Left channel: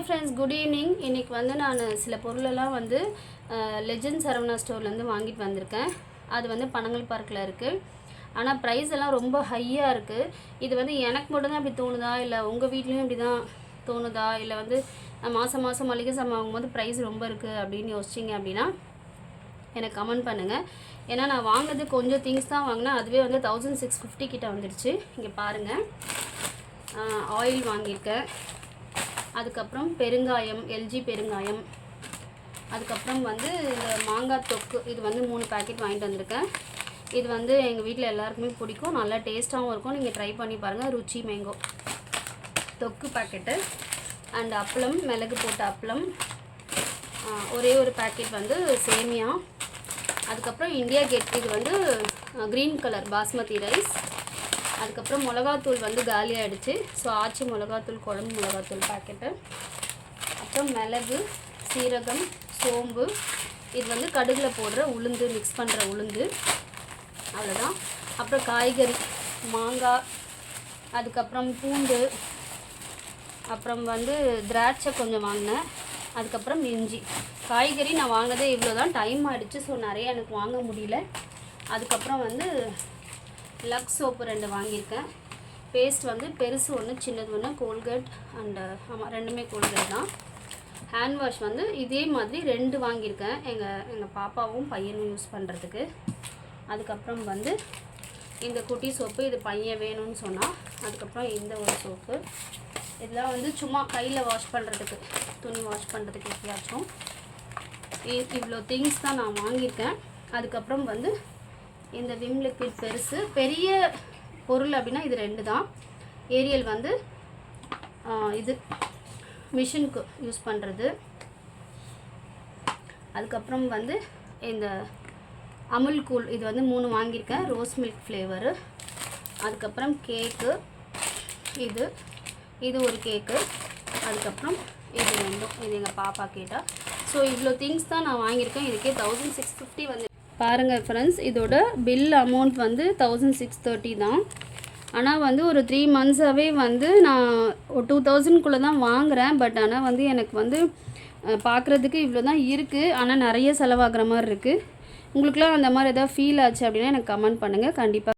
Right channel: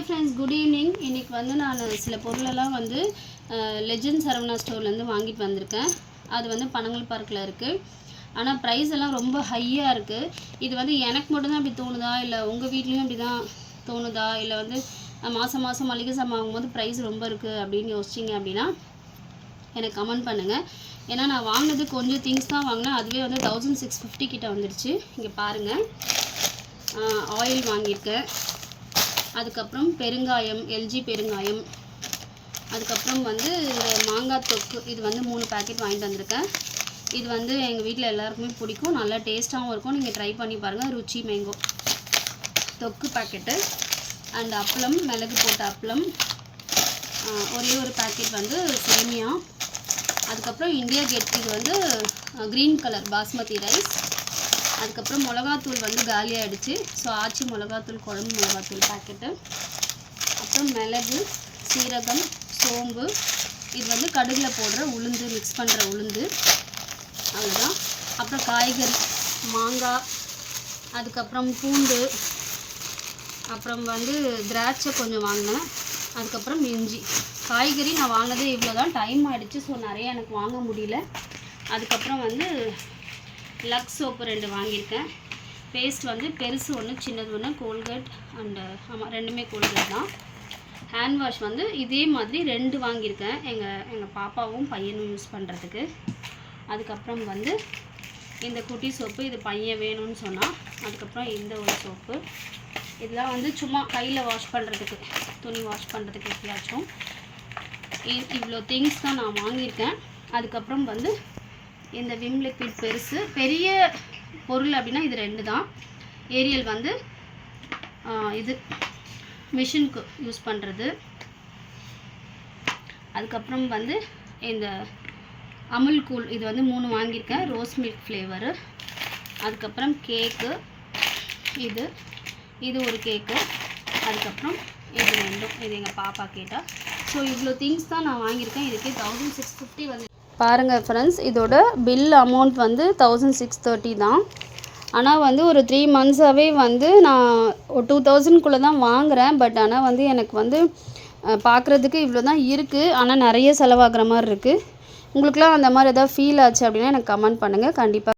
Hi friends good evening இன்றைக்கி வந்து நான் சில பொருளெல்லாம் வந்து லெஜண்ட் சரவணா ஸ்டோர்லேருந்து வாங்கிட்டு வந்திருக்கேன். அது வந்து பனங்கல் பார்க்கில் இருக்குது ஆனால் ப்ரைஸ் எல்லாம் ரொம்ப ஹையாக இருக்குது இது வந்து எனக்கு மட்டும்தான் இப்படி தோணுதா? இல்லை உங்கள் வீட்லேயும் இப்படி தான் தோணுதா? இல்லை வந்து மாதம் மாதம் மளிகை சாமான் வாங்கும்போது ப்ரைஸ் ரொம்ப இருக்குது அப்படின்னு யோசிச்சிங்க அப்படின்னா எனக்கு கமெண்ட் பண்ணுங்கள் ஏன்னா நான் வாங்கினது கொஞ்சம் திங்ஸ் தான் வாங்கினேன். அதுவே வந்து தௌசண்ட் சிக்ஸ் ஃபிஃப்டி கிட்டே வந்துடுச்சு. இங்கே பாருங்கள் ஆயில் வாங்கியிருக்கேன். அதுக்கப்புறம் பெருங்காயம் எல்ஜி பெருங்காயம். அதுக்கப்புறம் வந்து இந்த மாங்காய் தொக்கு. இது வந்து மூணு பேக்கெட் வாங்கிட்டு வந்திருக்கேன். இது வந்து எங்கள் வீட்டில் எல்லாருக்குமே பிடிக்கும். நல்லா டேஸ்ட்டாகவும் இருக்கும். நீங்கள் ட்ரை பண்ணி பாருங்கள் ருச்சி மேங்கோ தொக்கு பாக்கெட்டு அண்ட் அப்பளம் மிளகு போட்ட அப்பளம். ஒரே ஒரு பேக்கெட் வந்து சேமியா. அதுக்கப்புறம் இந்தியா கேட் இது வந்து க்ரீன் கலர் பாஸ்மதி ரைஸ் அதுக்கப்புறம் மிளகாத்தூள் வந்து காலியாகிடுச்சு ஸோ ஆச்சி மிளகாத்தூள் குழம்பு மிளகாத்தூள் பேக்கெட்டு அப்புறம் மிளகு சீரகம் சோம்பு. இது வந்து கடுகில் போடுற உளுந்து மிக்ஸ் பண்ணுற உளுந்து. அவ்வளோதான் அப்புறம் காய்கறி மாங்காய். அதுக்கப்புறம் பூண்டு. அப்புறம் வந்து திராட்சை கொஞ்சம் வாங்கினேன். அதுக்கப்புறம் இஞ்சி. காய்கறி நான் வாங்கினதே இவ்வளோ தான் டைம் ஆகிடுச்சு ஸோ நிறைய எனக்கு வாங்க முடியல. அதுக்கப்புறம் வந்து லக்ஸ் சோப்பு ரெண்டு வாங்கியிருக்கேன். பேஸ்ட் வந்து பெருசு ஒன்று சின்னது ஒன்று கோல்கேட் அண்டு ஆமாம் ரெண்டுமே கோல்கேட் தான். ஹேண்ட் வாஷ் வந்து இதே மாதிரி ரெண்டு வாங்கியிருக்கேன். எங்கள் எங்கள் பாப்பாவும் பையனும் யூஸ் பண்ணுறதுக்கு அதுக்கப்புறம் வந்து இந்த குட்டி சோப்பு இது பையன் வேணும்னு சொன்னால் அதுக்கப்புறம் இந்த ஒரு சோப்பு. இதெல்லாம் வந்து சும்மா கையில் வாஷ் பண்ணுறதுக்கு துணி வாஷ் பண்ணுறதுக்கு எப்படியாச்சும் இ- இவ்வளோ திங்ஸ் தான் நான் வாங்கியிருக்கேன். அதுக்கப்புறம் வந்து இந்த விம் லிக்விட் பெருசு. பெரிய பொருள் அப்படின்னா இது ரெண்டு தான். ஏரியல் வந்து இது மிஷினுக்கு யூஸ் பண்ணுறது அதுக்கப்புறம் வந்து இந்த அமுல் கூல் இது வந்து மூணு வாங்கியிருக்கேன். Rose milk flavour. அதுக்கப்புறம் கேக்கு இது. இது ஒரு கேக்கு. அதுக்கப்புறம் இது ரெண்டும். இது எங்கள் பாப்பா கேட்டால் ஸோ இவ்வளோ திங்ஸ் தான் நான் வாங்கியிருக்கேன். இதுக்கே தௌசண்ட் சிக்ஸ் ஃபிஃப்டி வந்து பாருங்கள் ஃப்ரெண்ட்ஸ் இதோட பில் அமௌண்ட் வந்து தௌசண்ட் சிக்ஸ் தேர்ட்டி தான். ஆனால் வந்து ஒரு த்ரீ மந்த்ஸாகவே வந்து நான் ஒரு டூ தௌசண்ட்குள்ளே தான் வாங்குகிறேன் பட் ஆனால் வந்து எனக்கு வந்து பார்க்குறதுக்கு இவ்வளோ தான் இருக்குது ஆனால் நிறைய செலவாகிற மாதிரி இருக்குது உங்களுக்குலாம் அந்த மாதிரி எதாவது ஃபீல் ஆச்சு அப்படின்னா எனக்கு கமெண்ட் பண்ணுங்கள் கண்டிப்பாக